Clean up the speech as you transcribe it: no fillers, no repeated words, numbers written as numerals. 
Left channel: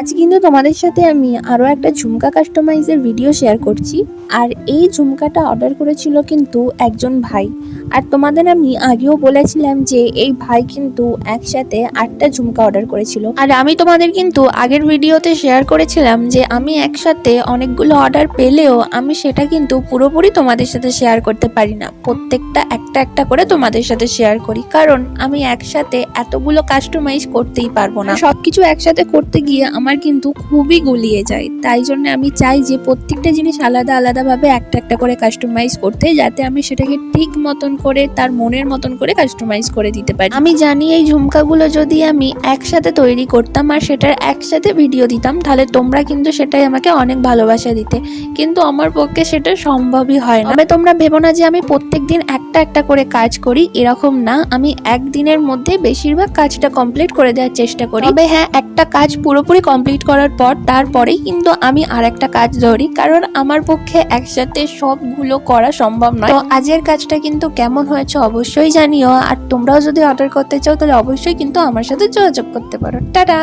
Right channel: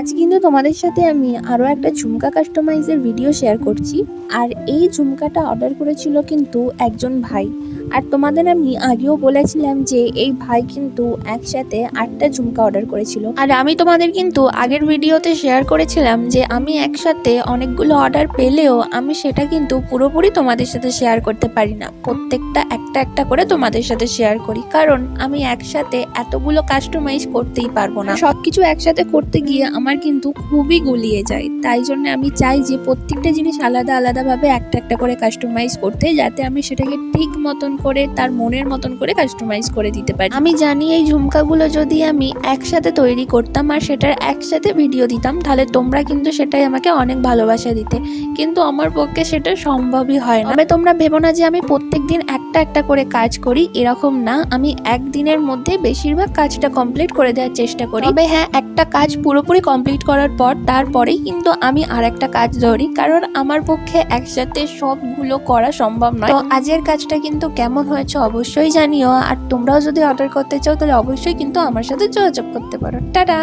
আজ কিন্তু তোমাদের সাথে আমি আরও একটা ঝুমকা কাস্টমাইজের ভিডিও শেয়ার করছি। আর এই ঝুমকাটা অর্ডার করেছিল কিন্তু একজন ভাই। আর তোমাদের আমি আগেও বলেছিলাম যে এই ভাই কিন্তু একসাথে 8টা ঝুমকা অর্ডার করেছিল। আর আমি তোমাদের কিন্তু আগের ভিডিওতে শেয়ার করেছিলাম যে আমি একসাথে অনেকগুলো অর্ডার পেলেও আমি সেটা কিন্তু পুরোপুরি তোমাদের সাথে শেয়ার করতে পারি না, প্রত্যেকটা একটা একটা করে তোমাদের সাথে শেয়ার করি, কারণ আমি একসাথে এতগুলো কাস্টমাইজ করতেই পারবো না। সবকিছু একসাথে করতে গিয়ে আমার কিন্তু খুবই গুলিয়ে যায়। তাই জন্য আমি চাই যে প্রত্যেকটা জিনিস আলাদা আলাদাভাবে একটা একটা করে কাস্টমাইজ করতে, যাতে আমি সেটাকে ঠিক মতন করে তার মনের মতন করে কাস্টমাইজ করে দিতে পারি। আমি জানি এই ঝুমকাগুলো যদি আমি একসাথে তৈরি করতাম আর সেটার একসাথে ভিডিও দিতাম, তাহলে তোমরা কিন্তু সেটাই আমাকে অনেক ভালোবাসা দিতে, কিন্তু আমার পক্ষে সেটা সম্ভবই হয় না। তবে তোমরা ভেবো না যে আমি প্রত্যেকদিন একটা একটা করে কাজ করি, এরকম না। আমি একদিনের মধ্যে বেশিরভাগ কাজটা কমপ্লিট করে দেওয়ার চেষ্টা করি। তবে হ্যাঁ, একটা কাজ পুরোপুরি কমপ্লিট করার পর তারপরেই কিন্তু আমি আর একটা কাজ ধরি, কারণ আমার পক্ষে একসাথে সবগুলো করা সম্ভব নয়। তো আজকের কাজটা কিন্তু কেমন হয়েছে অবশ্যই জানিও। আর তোমরাও যদি অর্ডার করতে চাও তাহলে অবশ্যই কিন্তু আমার সাথে যোগাযোগ করতে পারো। টাটা।